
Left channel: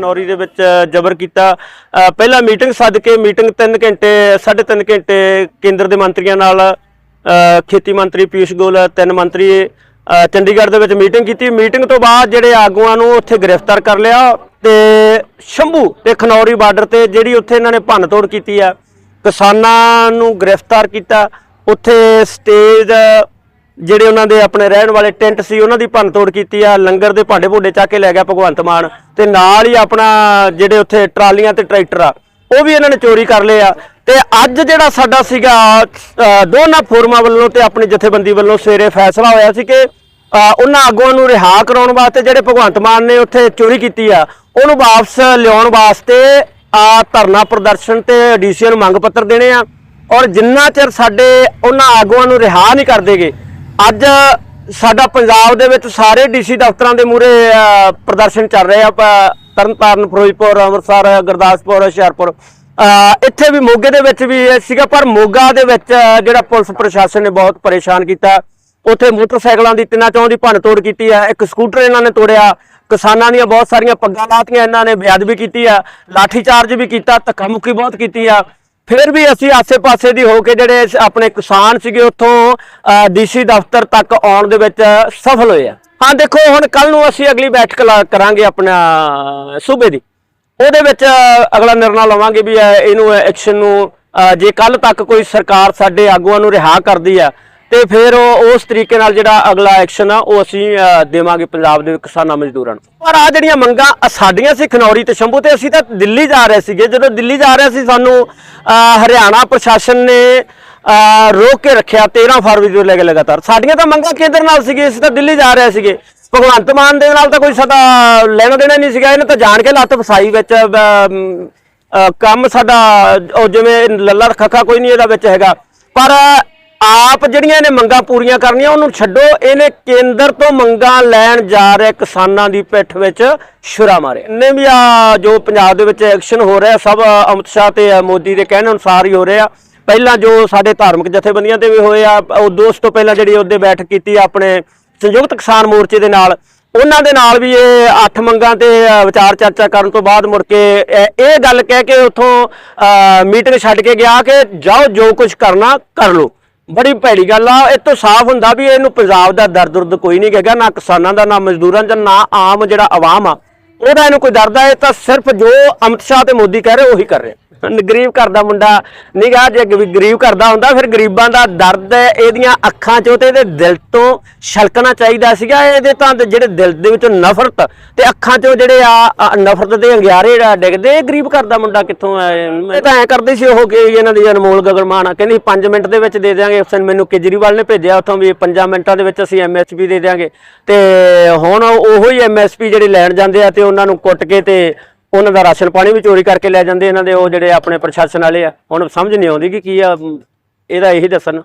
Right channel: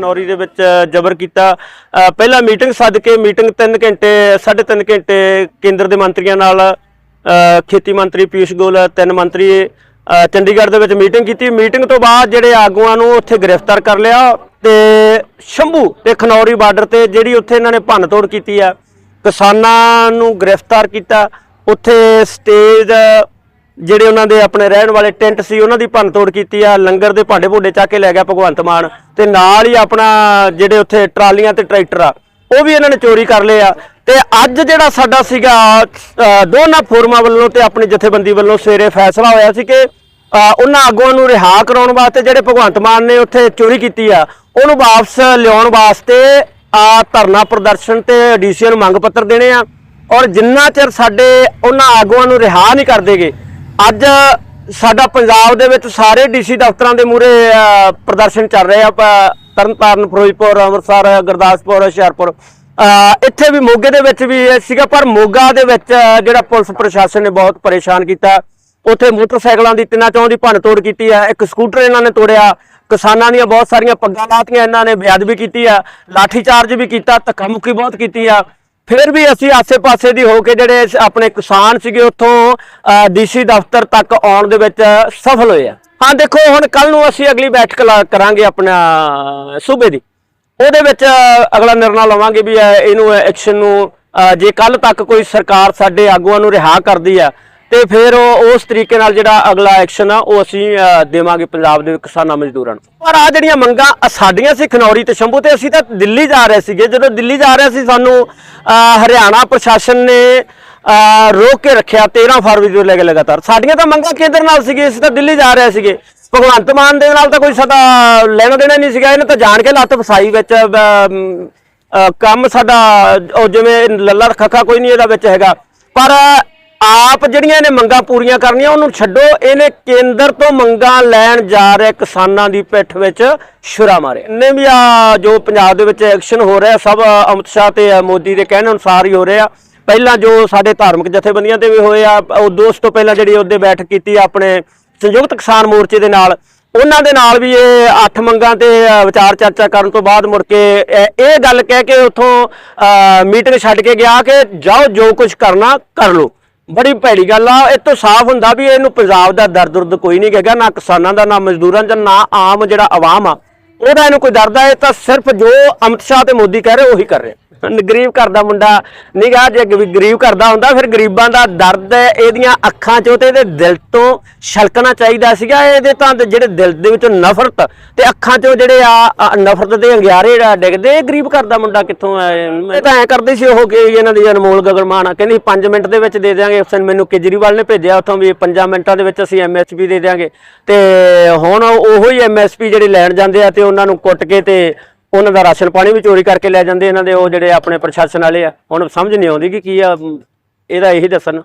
ਸ਼ੰਭੂ ਦੇ ਵਿੱਚ ਜ਼ਬਰ ਕੀਤਾ। ਅ, ਪਹਿਲਾਂ ਮੀਟਿੰਗ ਸੱਦ ਕੇ ਮੀਟਿੰਗ 3 ਘੰਟੇ 3.5 ਘੰਟੇ ਕੇਂਦਰ ਦੇ ਮੰਤਰੀਆਂ ਨਾਲ ਖੇਤੀ ਮੰਤਰੀ ਪੀਯੂਸ਼ ਗੋਇਲ ਤਿੰਨ ਮੰਤਰੀ ਚੰਡੀਗੜ੍ਹ ਦੇ ਵਿੱਚ ਮੀਟਿੰਗ ਕੀਤੀ। ਮੀਟਿੰਗ ਤੋਂ ਬਾਅਦ ਜਿਹੜੇ ਆਗੂਆਂ ਨੂੰ ਉੱਥੇ ਗ੍ਰਿਫਤਾਰ ਕਰ ਲਿਆ ਤੇ ਸ਼ੰਭੂ ਤੇ ਖਨੌਰੀ ਬਾਰਡਰ ਤੇ ਜਿਹੜੀ ਉੱਥੇ ਇਹਨਾਂ ਨੇ ਭੰਨ ਤੋੜ ਕੀਤੀ ਆ ਕਿਸਾਨਾਂ ਨੂੰ ਗ੍ਰਿਫਤਾਰ ਕੀਤਾ। ਉੱਥੇ ਸਟੇਜ ਜਿਹੜੇ ਉਹਨਾਂ ਦੇ ਆਪਣੇ ਰਹਿਣ ਵਾਲੇ ਟੈਂਟ ਸੀ, ਉਹਨਾਂ ਦੀ ਭੰਨਤੋੜ ਕੀਤੀ ਆ, ਲੰਗਰ ਦੇ ਭਾਂਡੇ ਭੁੰਡੇ ਚੱਕ ਕੇ ਲੈ ਗਿਆ ਭਗਵੰਤ ਮਾਨ ਤੇ ਨਾਲ ਹੀ ਆਪਣਾ ਜਿਹੜੇ ਉੱਥੇ ਟਰਾਲੀਆਂ ਤੇ ਟਰੈਕਟਰ ਆ, ਉਹ ਵੀ ਇਹਨਾਂ ਨੇ ਚੋਰੀ ਕਰ ਲਏ ਆ। ਤੇ ਅੱਜ ਜਿਹੜਾ ਸਾਡਾ ਸੀਗਾ ਦੋਨਾਂ ਫੋਰਮਾਂ ਵੱਲੋਂ ਤੇ ਆਪਣੀ ਜਥੇਬੰਦੀ ਵੱਲੋਂ ਸਵੇਰੇ ਫੈਸਲਾ ਹੋਇਆ ਸੀ ਕਿ ਉਹਨਾਂ ਆਗੂਆਂ ਨੂੰ ਰਿਹਾ ਕਰਾਉਣ ਵਾਸਤੇ ਜਿਹੜੇ ਭਗਵੰਤ ਮਾਨ ਨੇ ਉੱਥੇ ਚੋਰੀ ਕੀਤੀ ਆ, ਉਹਨੂੰ ਵਾਪਸ ਲਿਆਉਣ ਵਾਸਤੇ ਆ ਧਰਨਾ ਪ੍ਰਦਰਸ਼ਨ ਤੇ ਡੀਸੀ ਨੂੰ ਮੰਗ ਪੱਤਰ ਦੇਣੇ ਆ ਔਰ ਜਿੰਨਾ ਚਿਰ ਸਾਡੇ ਉਹਨਾਂ ਆਗੂਆਂ ਨੂੰ ਰਿਹਾ ਨਹੀਂ ਕਰਦੇਗੇ ਅੱਜ ਸਾਡਾ ਪੰਜਾਬ ਦੇ ਵਿੱਚ ਸਾਰੇ ਡੀਸੀ ਦਫ਼ਤਰਾਂ ਦੇ ਮੂਹਰੇ ਪ੍ਰਦਰਸ਼ਨ ਚੱਲ ਰਹੇ ਆ ਤਰਨਤਾਰਨ, ਫਿਰੋਜ਼ਪੁਰ, ਅੰਮ੍ਰਿਤਸਰ, ਗੁਰਦਾਸਪੁਰ, ਹੁਸ਼ਿਆਰਪੁਰ। ਇੱਥੇ ਵੀ ਮੋਗੇ ਦੇ ਵਿੱਚ ਵੀ ਸੀਗਾ, ਪਰ ਮੋਗਾ ਦੇ ਵਿੱਚ ਜਿਹੜਾ ਪੁਲਿਸ ਪ੍ਰਸ਼ਾਸਨ ਨੇ ਬਹੁਤ ਪਰੇਸ਼ਾਨ ਕੀਤਾ। ਉੱਥੇ ਮੋਟਰਸਾਈਕਲਾਂ ਦੀ ਤਿੰਨਾਂ ਚੌਂ ਦੀ ਭੰਨ ਤੋੜ ਕੀਤੀ ਹੈ ਇੱਕ ਸਕੂਟਰ ਇਹਨਾਂ ਨੇ ਤੋੜਿਆ, ਕਿਸਾਨਾਂ ਦੀਆਂ ਬਹੁਤ ਸਾਰੀਆਂ ਪੱਗਾਂ ਲਾਤੀਆਂ ਇਹਨਾਂ ਨੇ, ਬੇਅਦਬੀ ਕੀਤੀ ਆ ਲਾਠੀ ਚਾਰਜ ਵੀ ਕੀਤਾ ਧੱਕਾ ਮੁੱਕੀ ਬਹੁਤ ਕੀਤੀ ਆ। ਫਿਰ ਵੀ ਅਸੀਂ ਆਸੇ-ਪਾਸੇ ਦੀ ਹੋ ਕੇ ਜਿਹੜੇ ਆਪਣੇ ਕਿਸਾਨ ਸੀਗੇ ਉੱਥੋਂ ਡੀਸੀ ਦਫ਼ਤਰ ਤੱਕ ਆਉਣ ਦੇ ਵਿੱਚ ਸਫਲ ਹੋਏ ਆ। ਹਾਂ, ਦੇਖੋ, ਹੁਣ ਕੱਲ ਨੂੰ ਅਸੀਂ ਅਗਲੀ ਬੈਠਕ ਲਾ- ਕਰਾਂਗੇ ਆਪਣਾ ਸੂਬੇ ਦੀ। ਉਹਦੇ ਵਿੱਚ ਅਗਲਾ ਨਿਰਣਾ ਲਵਾਂਗੇ ਵੀ ਇਹਨੂੰ ਐਕਸ਼ਨ ਨੂੰ ਜੇ ਕੱਲ ਤੱਕ ਕੋਈ ਸਰਕਾਰ ਸਾਡੇ ਆਗੂਆਂ ਨੂੰ ਰਿਹਾ ਕਰਦੀ ਆ ਤੇ ਫਿਰ ਉਹ ਉਸ ਤਰੀਕੇ ਨਾਲ ਜਿਹੜਾ ਅਗਲਾ ਐਕਸ਼ਨ ਆ, ਉਹ ਅਸੀਂ ਦੇਵਾਂਗੇ ਪੰਜਾਬ ਦੇ ਕਿਸਾਨਾਂ ਮਜ਼ਦੂਰਾਂ ਨੂੰ। ਪਰ ਆ ਜਿਹੜੀਆਂ ਮੰਗਾਂ ਸਾਡੀਆਂ ਸੀ ਖਨੌਰੀ ਤੇ ਸ਼ੰਭੂ ਤੇ, ਅਸੀਂ ਤਾਂ ਦਿੱਲੀ ਜਾ ਰਹੇ ਸੀਗੇ। ਜਦੋਂ ਦਿੱਲੀ ਜਾ ਰਹੇ ਸੀ, ਸਾਨੂੰ ਹਰਿਆਣਾ ਪ੍ਰਸ਼ਾਸਨ ਨੇ ਰੋਕ ਕੇ ਰੱਖਿਆ 13 ਫਰਵਰੀ ਤੋਂ ਲੈ ਕੇ ਲਗਾਤਾਰ। ਸਾਡੀਆਂ ਤਾਂ ਮੰਗਾਂ ਕੇਂਦਰ ਨਾਲ ਸੀਗੇ ਅਸੀਂ ਤਾਂ ਦਿੱਲੀ ਜਾ ਰਹੇ ਸੀਗੇ। ਭਗਵੰਤ ਮਾਨ ਦੇ ਨਾਲ ਤਾਂ ਕੋਈ ਸਾਡਾ ਲੈਣਾ ਦੇਣਾ ਨਹੀਂ ਸੀਗਾ, ਇਹਨੇ ਤਾਂ ਜਾਣ ਕੇ ਲੱਤ ਫਸਾਈ ਵਿੱਚ ਕੰਮ ਸਾਡਾ, ਉਹ ਜਿਵੇਂ ਲੱਲਾ ਖੱਖਾ ਕੋਈ ਨਹੀਂ ਇਹਦਾ ਵਿੱਚ ਹੈਗਾ। ਪਰ ਆਪ ਜਿਹੜੀਆਂ ਇਹਨੇ ਮੰਗਾਂ ਪੂਰੀਆਂ ਕਰਨੀਆਂ, ਉਹਨੂੰ ਛੱਡੋ। ਇਹਨੇ ਕੇਂਦਰ ਤੋਂ ਮੰਗਾਂ ਲੈਣ ਜਾ ਰਹੇ ਕਿਸਾਨਾਂ ਦੀ ਪਿੱਠ ਵਿੱਚ ਛੁਰਾ ਮਾਰਿਆ। ਨੇ ਵੀ ਆ ਜੋ ਪੰਜਾਬ ਦੇ ਵਿੱਚ ਐਕਸ਼ਨ ਹੋ ਰਿਹਾ, ਸਭ ਅਮਿਤ ਸ਼ਾਹ ਤੇ ਮੋਦੀ ਦੇ ਕਹਿਣ ਅਨੁਸਾਰ ਹੀ ਹੋ ਰਿਹਾ। ਪਹਿਲਾਂ ਜੋ ਸਾਡੇ ਧਾਰਮਿਕ ਜਥੇਬੰਦੀਆਂ ਤੇ ਵੀ ਹੋਏ ਆ, ਉਹ ਦੋਸਤ ਤੋਂ ਪਹਿਲਾਂ ਜਿਹੜੀ ਉਹਦੇ ਬੈਠਕ ਕੀਤੀ ਆਪਣੇ ਸੰਯੁਕਤ ਕਿਸਾਨ ਮੋਰਚੇ ਦੇ ਨਾਲ। ਉਹਨਾਂ ਦੇ ਨਾਲ ਵੀ ਇਹ ਅੱਠ ਮੰਗਾਂ ਤੇ ਵਿਚਾਰ ਚਰਚਾ ਕਰਨ ਤੋਂ ਬਾਅਦ ਮੁੜ ਕੇ ਇਹ ਗੱਲ ਕਹਿ ਕੇ ਉੱਥੋਂ ਮੀਟਿੰਗ ਛੱਡ ਕੇ ਗਿਆ ਕਿ ਜਾਓ ਜੋ ਕੁਝ ਕਰਨਾ, ਕਰ ਲਓ। ਬੜੀ ਭੈੜੀ ਗੱਲ ਆ, ਇਹ ਤੋਂ ਸਾਫ਼ ਹੁੰਦਾ ਵੀ ਇਹਨੂੰ ਪੰਜਾਬ ਦਾ ਦਰਦ ਦੁਰਦ ਕੋਈ ਨਹੀਂ ਹੈਗਾ ਨਾ ਕਿਸਾਨਾਂ ਦਾ, ਨਾ ਮਜ਼ਦੂਰਾਂ ਦਾ, ਨਾ ਆਮ ਜਿਹੜਾ ਆਵਾਮ ਆ, ਉਹਦਾ ਇਹਨੂੰ ਕੋਈ ਦਰਦ ਆ, ਇਹ ਤਾਂ ਸਿਰਫ ਜੋ ਅਮਿਤ ਸ਼ਾਹ ਤੇ ਮੋਦੀ ਕਹਿ ਰਹੇ ਉਹੀ ਕਰ ਰਹੇ ਗਰੀਬ ਘਰ ਦਾ ਮੁੰਡਾ ਨਿਗਾਹ ਜੇ ਗਰੀਬ ਘਰ ਦਾ ਹੁੰਦਾ, ਫਿਰ ਗਰੀਬਾਂ ਦਾ ਦਰਦ ਇਹਦੀਆਂ ਅੱਖਾਂ ਚੋਂ ਤੇ ਇਹਦੇ ਦਿਲ ਤੋਂ ਛਲਕਣਾ ਚਾਹੀਦਾ ਸੀਗਾ, ਇਹਦੇ ਤਾਂ ਜਿਹੜੇ ਦਿਲ ਦੇ ਵਿੱਚੋਂ ਨਫ਼ਰਤ ਤੇ ਅੱਖਾਂ ਚੋਂ ਜਿਹੜੇ ਆ ਨਫ਼ਰਤ ਦੇ ਅੰਗਿਆਰੇ ਡਿੱਗਦੇ ਗਰੀਬ ਘਰ ਦਾ ਮੁੰਡਾ ਕਿੱਥੋਂ ਆਏ ਇਹ ਤਾਂ ਐ ਕਰਦੇ ਸੀ ਉਹ ਕਿ ਇਹਨਾਂ ਦੀ ਅਨਮੋਲ ਗਗਨਮਾਨ ਆ, ਕਹਿੰਦੀ 5 ਮਿੰਟ ਦੇ ਵਿੱਚ ਦੇ ਦਿਆਂਗੇ, ਉਸ ਮੈਨੂੰ ਕੇਜਰੀਵਾਲ ਨੇ ਭੇਜਿਆ ਉੱਥੋਂ ਵੀ 5 ਮਿੰਟਾਂ ਦੇ ਵਿੱਚ ਅਸੀਂ ਐਮਐਸਪੀ ਦੇ ਦਿਆਂਗੇ। ਤੇ ਹੁਣ ਉਹੋ ਹੀ ਐਮਐਸਪੀ ਜਿਹੜੇ ਲੈਣ ਜਾਂਦੇ ਆ ਤੇ ਉਹਨਾਂ ਨੂੰ ਕੁੱਟ ਕੇ ਤੇ ਉਹਨਾਂ ਦਾ ਰਾਸ਼ਨ ਪਾਣੀ ਵੀ ਚੋਰੀ ਕਰਕੇ ਲੈ ਜਾਂਦੇ ਇਹਨਾਂ ਦੇ, ਉਹ ਜਿਹੜੇ ਆਪਣੇ ਪ੍ਰਸ਼ਾਸਨ ਵਾਲੇ ਆ, ਹੁਣ ਸਮਝ ਨਹੀਂ ਆਉਂਦੀ ਕਿ ਕੀ ਆ, ਇਹਦਾ ਇਹੀ ਦੱਸਣ।